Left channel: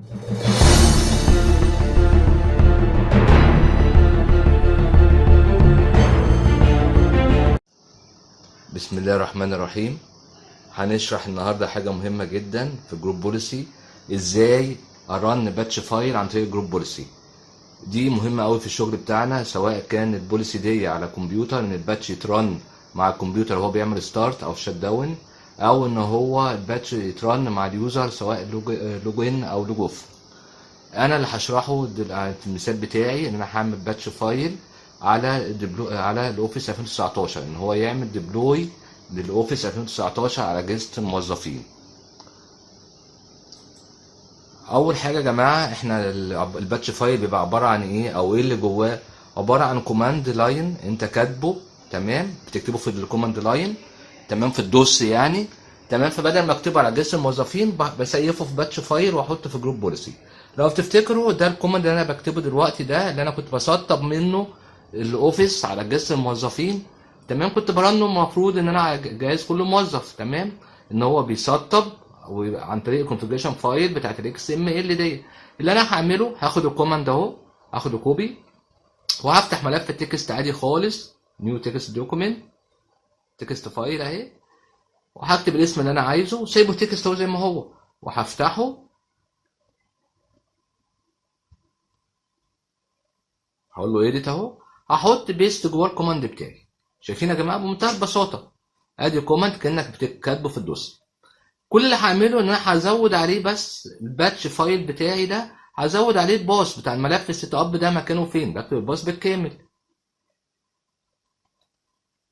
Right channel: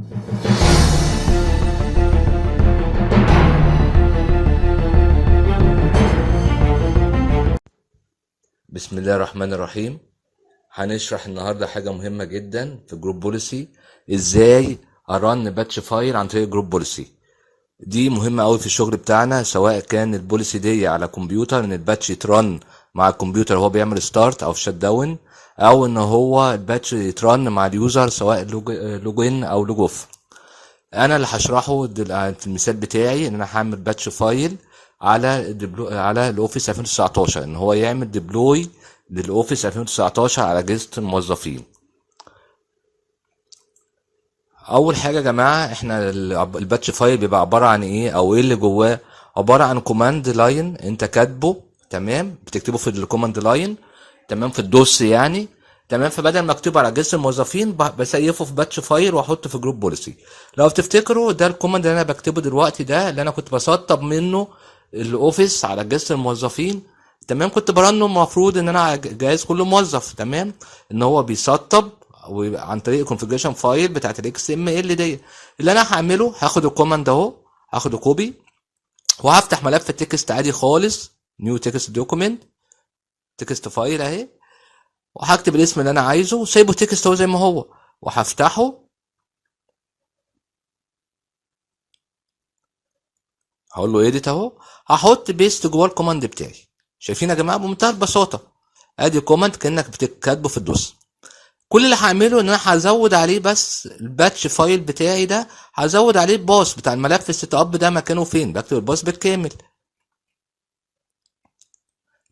بسم الله الرحمن الرحيم. هنشرح النهارده حاجه مهمه جدا في جروب بوليسي. ازاي ارن باتش فايل عن طريق جروب بوليسي. دي مهمه قوي في الشغل بتاعنا، سواء كان البوليسي دي على كمبيوتر ان الباتش يترن مع الكمبيوتر وهو بيعمل ستارت او شت داون، او ان هو الباتش يترن مع اليوزر سواء لوجين او لوج اوف. انا اللي هشرحه في المثال بتاعي ان انا هعمل باتش فايل على الاوفيس 2019، ان هو يعمل ديبلوي للاوفيس 2019 على اجهزه الموظفين. اول حاجه يا جماعه، احنا الباتش فايل بيبقى عباره عن ايه او ايه اللي جواه؟ عباره عن كوماند لاين انت كاتبه، تمام، بتكتبه في الكوماند لاين، تمام، في الدوس يعني، تمام. فبدل ما اكتبه على اجهزه الموظفين بسيفه في باتش فايل واحطه في جروب بوليسي. لو تفتكروا ده الكوماند اللي انا بكتبه دلوقتي، ده اللي انا كنت بسطب منه الاوفيس على اجهزه الموظفين، تمام. كنت برنه المفروض ان انا على جهاز كل موظف، تمام، ان هو بيسطب عن طريق الكونفيجريشن فايل بتاعت الاكس ام ال دي. اللي انا هعمله هاخد الكوماند اهو، هاخده كوبي وهفتح ملف التكست عادي خالص، نيو تكست دوكيمنت، تكست فايل اهي، وهكتب الاسم اللي انا عايزه وسايبه تكست اهو زي ما هو، وهفتحه. هقول له ايديت اهو، هحط بيست جوه الكوماند بتاعي. شايفين يا جماعه بمنتهى البساطه؟ ادي كوماند كانك بتكتبه في الدوس. كل اللي هعمله ان انا هزود عليه بس الباتش فايل بتاعي ده، هزود عليه الباص بتاع الملف السيت اب ده مكانه فين، بكتب الباص بالكامل،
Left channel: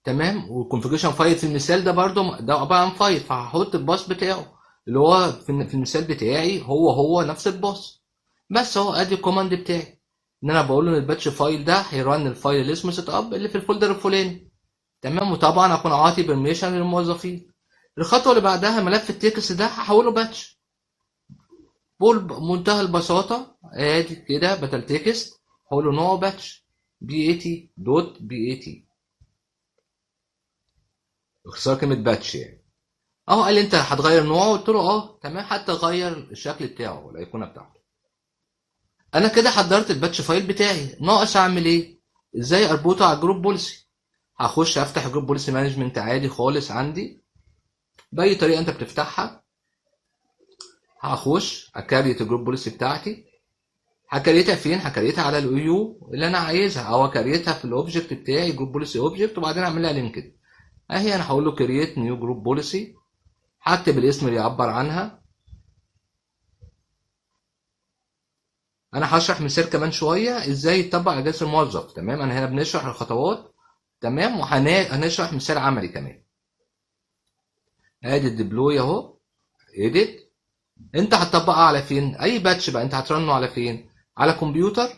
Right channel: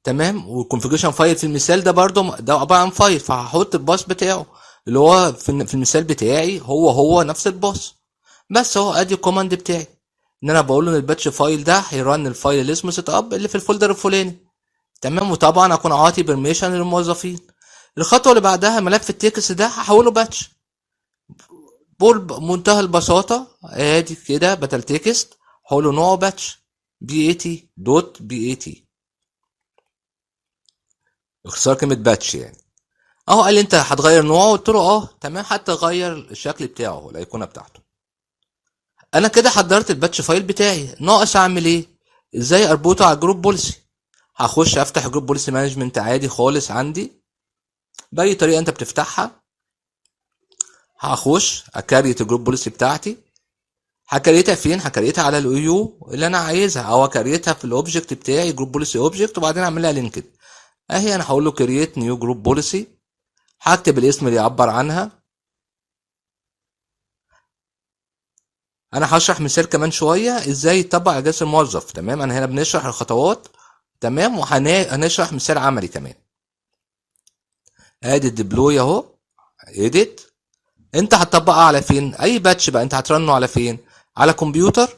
تمام. والكونفيجريشن فايل في المثال ده برضو ده عباره عن فايل، فهحط الباص بتاعه اللي هو في المثال بتاعي هو نفس الباص. بس اهو ادي الكوماند بتاعي، ان انا بقول له ان الباتش فايل ده هيرن الفايل اللي اسمه سيت اب اللي في الفولدر الفلاني، تمام. وطبعا اكون عاطي بيرميشن للموظفين. الخطوه اللي بعدها ملف التكست ده هحوله باتش. بقول بمنتهى البساطه ادي كده بدل تكست هقول نوعه باتش، بي اي تي دوت بي اي تي، اختصار كلمه باتش يعني. اهو قال لي انت هتغير نوعه، قلت له اه تمام، حتى غير الشكل بتاعه الايقونه بتاعته. انا كده حضرت الباتش فايل بتاعي، ناقص اعمل ايه؟ ازاي اربطه على جروب بوليسي؟ هخش افتح جروب بوليسي مانجمنت عادي خالص عندي باي طريقه انت بتفتحها. هخش اكريت الجروب بوليسي بتاعتي. هكريتها فين؟ هكريتها على الاو يو اللي انا عايزها، او اكريتها في الاوبجكت بتاعي جروب بوليسي اوبجكت، وبعدين اعملها لينكد اهي. انا هقول له كرييت نيو جروب بوليسي، هكتب الاسم اللي يعبر عنها. انا هشرح مثال كمان شويه ازاي يطبق على جهاز الموظف، تمام. انا هنا بنشرح الخطوات، تمام، وهنشرح مثال عملي كمان. ادي الديبلوي اهو، اديت. انت هتطبقها على فين؟ اي باتش بقى انت هترنه على فين؟ على كمبيوتر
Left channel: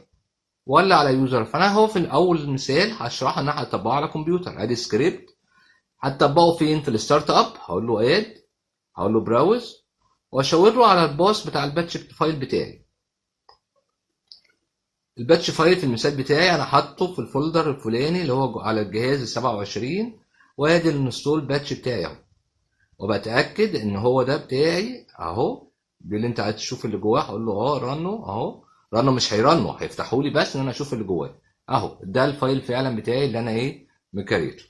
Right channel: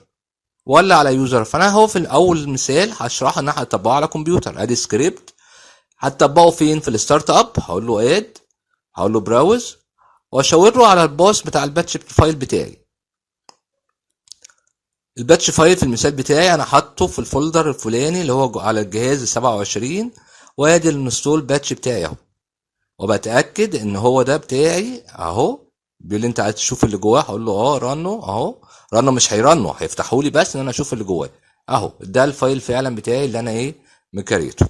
ولا على يوزر؟ فانا هو في الاول مثال هشرح ان انا هطبقه على كمبيوتر. ادي سكريبت هتطبقه فين؟ في الستارت اب. هقول له اد، هقول له براوز، واشاور له على الباص بتاع الباتش فايل بتاعي. الباتش فايل في المثال بتاعي انا حاطه في الفولدر الفلاني اللي هو على الجهاز ال 27، وادي الانستول باتش بتاعي اهو، وبتاكد ان هو ده بتاعي اهو. بيقول لي انت عايز تشوف اللي جواه، هقول له اه رنه اهو. رنه مش هيرنه، هيفتحوا لي بس ان انا اشوف اللي جواه اهو. ده الفايل فعلا بتاعي اللي انا ايه مكريته.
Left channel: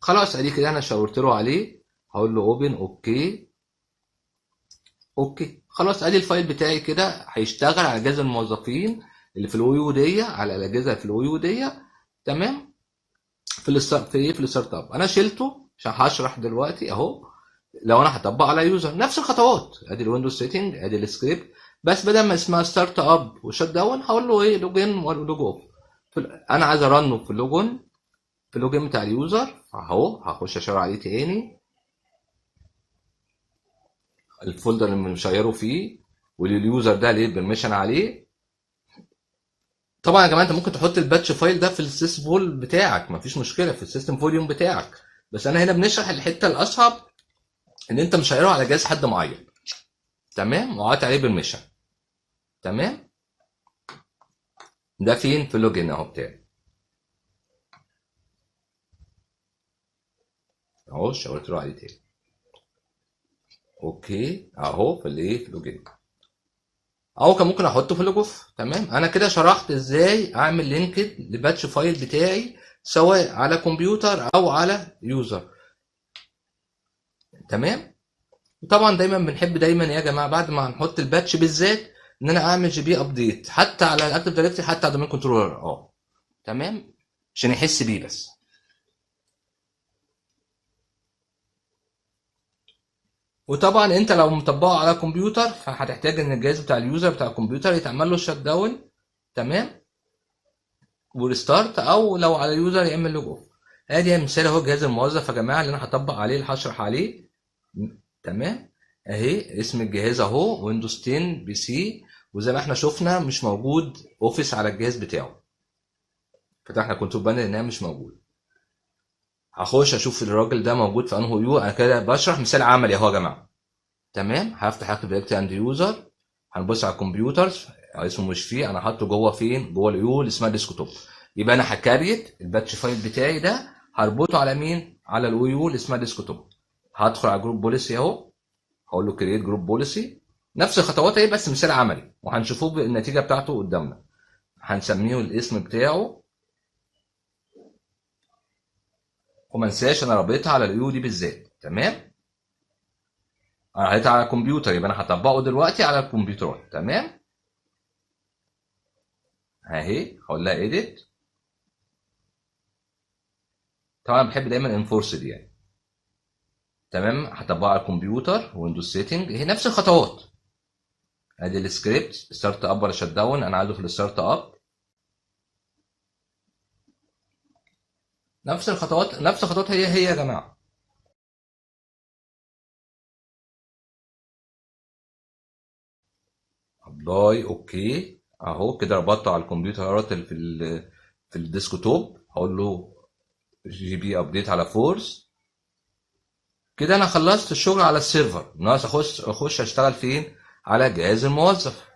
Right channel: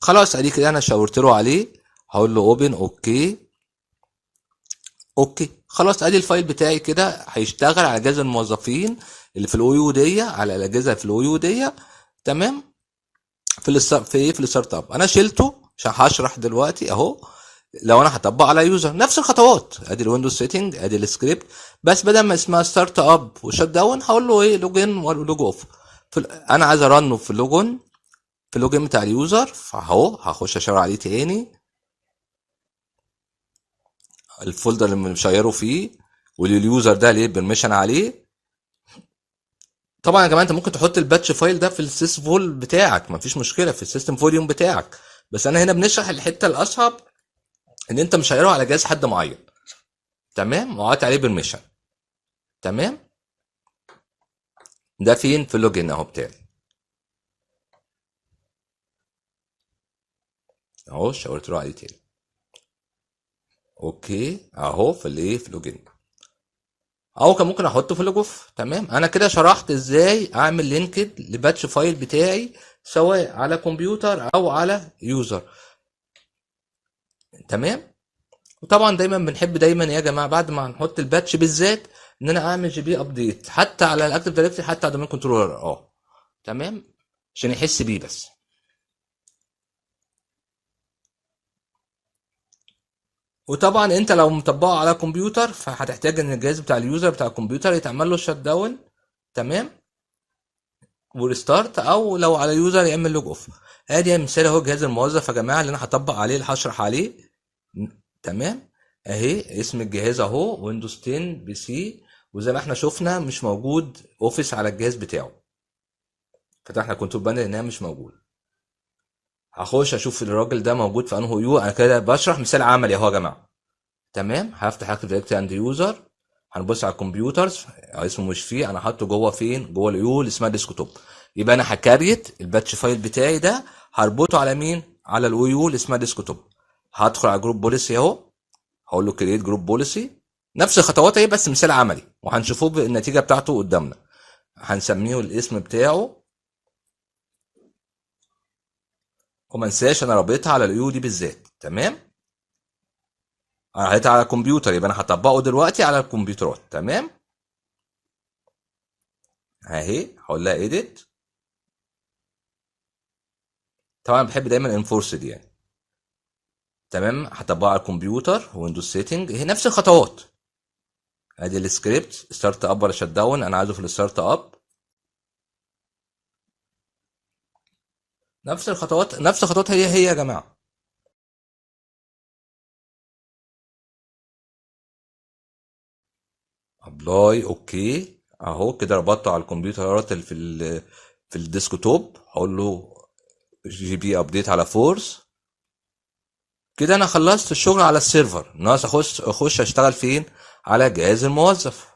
خلاص ادي كده انا شاورت له عليه، هقول له اوبن، اوكي اوكي. خلاص ادي الفايل بتاعي كده هيشتغل على جهاز الموظفين اللي في الاو يو دي، على الاجهزه في الاو يو دي، تمام. في الستارت اب انا شلته عشان هشرح دلوقتي اهو. لو انا هطبق على يوزر نفس الخطوات، ادي الويندوز سيتنج، ادي السكريبت، بس بدل ما اسمها ستارت اب وشت داون هقول له ايه لوجن ولوج اوف. انا عايز ارنه في اللوجن، في اللوجن بتاع اليوزر، فاهو هخش اشاور عليه تاني، الفولدر اللي مشيره فيه واليوزر ده ليه بيرميشن عليه. طبعا يا جماعه انت ممكن تحط الباتش فايل ده في السيس فول بتاعك، مفيش مشكله في السيستم فوليوم بتاعك، بس انا هنا بنشرح الحته الاصعب ان انت مش هيقرا على جهاز حد معين، تمام، وقعدت عليه بالميشن، تمام. ده فين؟ في اللوجن اهو بتاعي اهو، شاورت له عليه تاني، اوكي اهو في الايه في اللوجن. او كان ممكن احطه في الجوف. تمام، انا كده شرحت ازاي اعمل لينكد لباتش فايل بتاعي سواء على كمبيوتر او على يوزر. تمام. وطبعا دايما بنحب دايما يا جماعه بعد ما نحط الباتش بالذات ان انا اعمل جي بي ابديت حتى على الاكتيف دايركتوري، حتى على الدومين كنترولر. تمام، عشان يحس بيه بس. وطبعا انت لو مطبقه على كمبيوتر فهتحتاج ان الجهاز بتاع اليوزر بتاع الكمبيوتر يتعمل له شت داون. تمام، وريستارت، او لو على يوزر يعمل لوج اوف. ادي مثال اهو جهاز الموظف يا جماعه اللي انا هطبق عليه، اللي هشرح عليه. تمام، اهي اسم الجهاز اهو ويندوز 10 بي سي. وزي ما احنا شفنا مش موجود اوفيس على الجهاز بتاعه. فتحنا كنترول بانر انها مش موجود. هخش اشوف الراجل ده موجود في انه يو. انا كده بشرح مثال عملي اهو يا جماعه. تمام، هفتح اكتف دايركتوري عند يوزر. هنبص على الكمبيوترز، اسمه مش فيه، انا حاطه جوه فين؟ جوه اليو اللي اسمها ديسكتوب. يبقى انا هكريت الباتش فايل بتاعي ده، هربطه على مين؟ على اليو اللي اسمها ديسكتوب. هدخل على جروب بوليسي اهو، هقول له كرييت جروب بوليسي. نفس الخطوات اهي بس مثال عملي، وهنشوفه النتيجه بتاعته قدامنا. هنسميه الاسم بتاعه، وما انساش انا رابطها على اليو دي بالذات. تمام، انا رابطها على الكمبيوتر يبقى انا هطبقه دلوقتي على الكمبيوترات. تمام، اهي هقول لها ايديت. طبعا بحب دايما انفورسد يعني. تمام، هطبقه على الكمبيوتر، ويندوز سيتنج، هي نفس الخطوات. ادي السكريبت ستارت اب ولا شت داون، انا عايزه في الستارت اب. نفس الخطوات، نفس الخطوات هي يا جماعه. ابلاي، اوكي، اهو كده ربطته على الكمبيوتر في الديسكتوب. هقول له جي بي ابديت على فورس. كده انا خلصت الشغل على السيرفر، ناقص اخش اشتغل فين؟ على جهاز الموظف.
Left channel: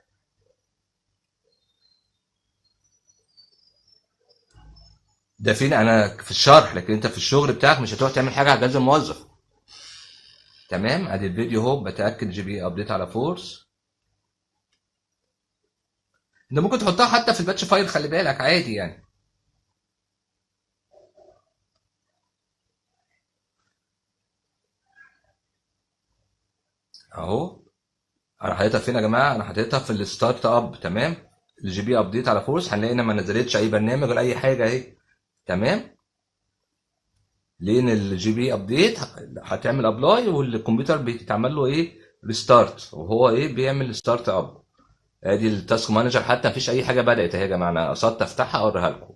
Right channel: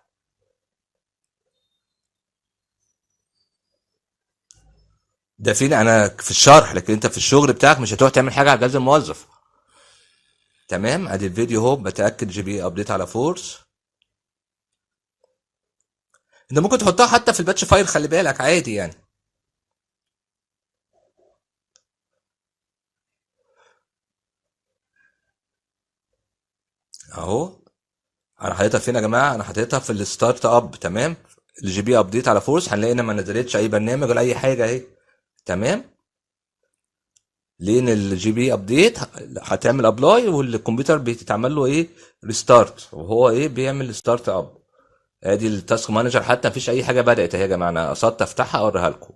ده فين؟ انا في الشرح، لكن انت في الشغل بتاعك مش هتروح تعمل حاجه على جهاز الموظف. تمام، ادي الفيديو اهو، بتاكد جي بي ابديت على فورس. انت ممكن تحطها حتى في الباتش فايل، خلي بالك عادي يعني. اهو انا حاططها فين يا جماعه؟ انا حاططها في الستارت اب. تمام، الجي بي ابديت على فورس. هنلاقي ان ما نزلتش اي برنامج ولا اي حاجه اهي. تمام، لان الجي بي ابديت هتعمل ابلاي والكمبيوتر بيتعمل له ايه؟ ريستارت، وهو ايه؟ بيعمل ستارت اب. ادي التاسك مانجر، حتى مفيش اي حاجه بدات اهي يا جماعه، انا قصدت افتحها اوريها لكم.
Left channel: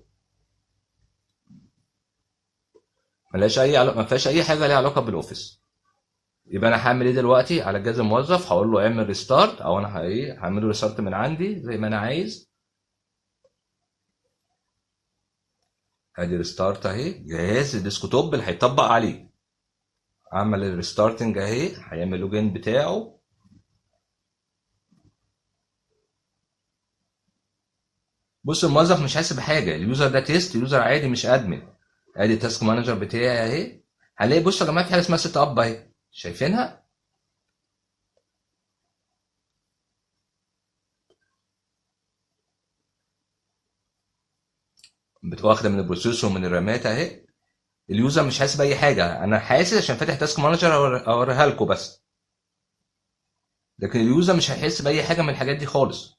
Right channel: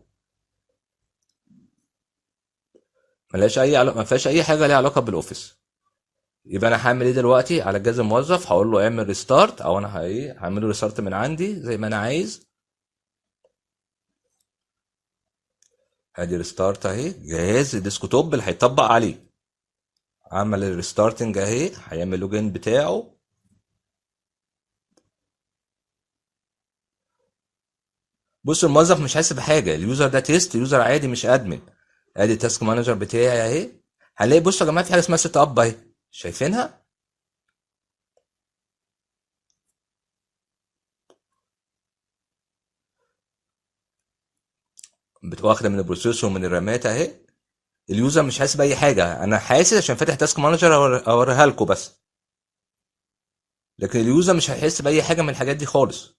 ما فيهاش اي حاجه ليها علاقه بالاوفيس. يبقى انا هعمل ايه دلوقتي على جهاز الموظف؟ هقول له اعمل ريستارت، او انا هعمل له ريستارت من عندي زي ما انا عايز. ادي ريستارت اهي، جهاز الديسكتوب اللي هيطبق عليه. عمل الريستارتنج اهي، هيعمل لوجين بتاعه. بص الموظف مش حاسس بحاجه، اليوزر ده تيست، يوزر عادي مش ادمن. ادي التاسك مانجر بتاعي اهي. هنلاقي بص يا جماعه في حاجه اسمها سيت اب اهي، شايفينها؟ بتبقى واخده من البروسيسور ومن الرامات اهي. اليوزر مش حاسس باي حاجه، انا حاسس عشان فاتح تاسك مانجر اوريها لكم بس. لكن اليوزر مش هيحس باي حاجه من الحاجات دي خالص.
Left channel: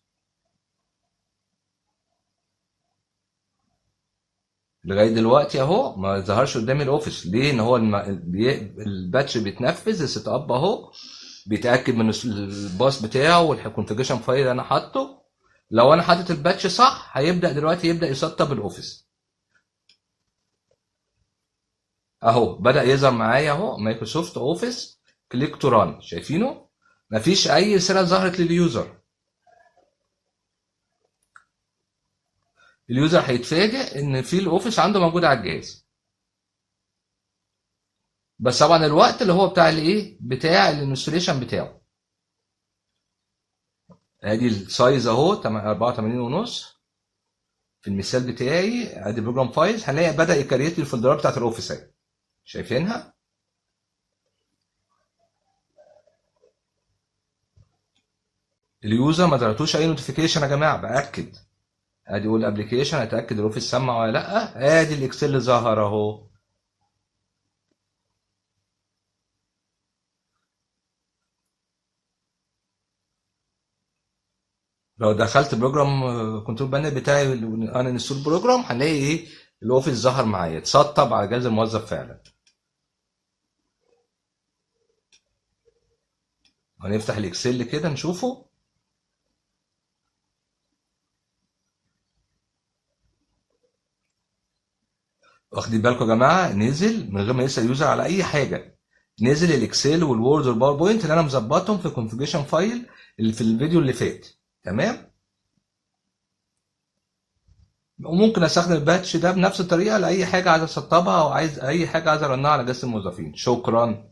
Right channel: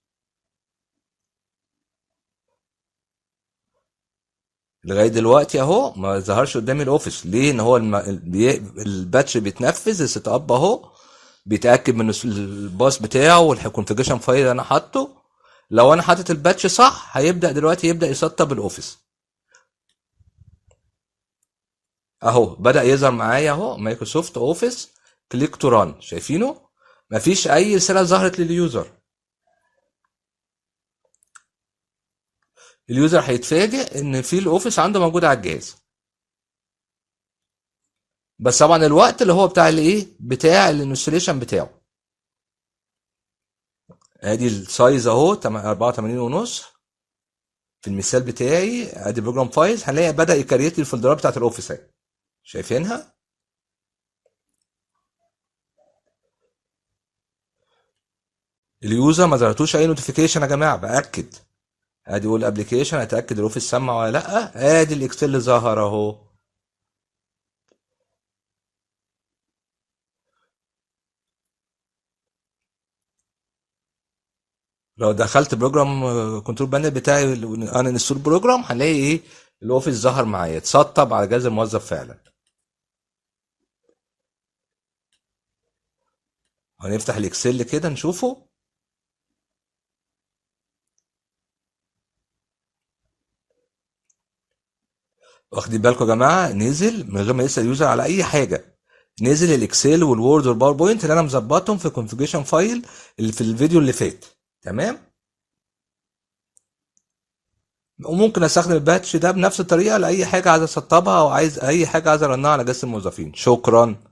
لغايه دلوقتي اهو ما ظهرش قدامي الاوفيس. ليه؟ ان هو الباتش بيتنفذ السيت اب اهو، بيتاكد من الباص بتاعه والكونفيجريشن فايل اللي انا حاطه. لو انا حاطط الباتش صح هيبدا دلوقتي يبدا يسطب الاوفيس. اهو بدا يظهر معايا اهو مايكروسوفت اوفيس كليك تو ران، شايفينه؟ مفيش اي رساله ظهرت لليوزر. اليوزر هيتفاجئ ان في الاوفيس عنده موجود على الجهاز. بس طبعا الوقت اللي هو بتاع الايه؟ بتاع الانستليشن بتاعه. ادي السايز اهو 84 ونص. في المثال بتاعي ادي بروجرام فايلز، هنلاقي بدا يكريت لي الفولدرات بتاعت الاوفيس اهي، شايفينها؟ اليوزر ما ظهرتوش اي نوتيفيكيشن يا جماعه، باكد. ادي اقول ابلكيشن، اتاكد الاوفيس سمع ولا لا. ادي الاكسل اللي ظهر اهو. لو دخلت بروجرام كنترول بانل بتاعي، انا انستول بروجرام، هنلاقي ايه؟ الاوفيس ظهر معايا، اتسطب على جهاز الموظف فعلا. هنفتح الاكسل كده نشوفه. واخدين بالكم يا جماعه؟ نزل من غير ما يسال اليوزر على اي حاجه. نزل الاكسل والوورد والباوربوينت اللي انا مظبطهم في كونفيجريشن فايل اللي في الفيديو اللي فات. تمام. وممكن استخدم الباتش ده بنفس الطريقه لاي حاجه عايز اسطبها، او عايز اي حاجه عايز ارنها على جهاز الموظفين. شكرا.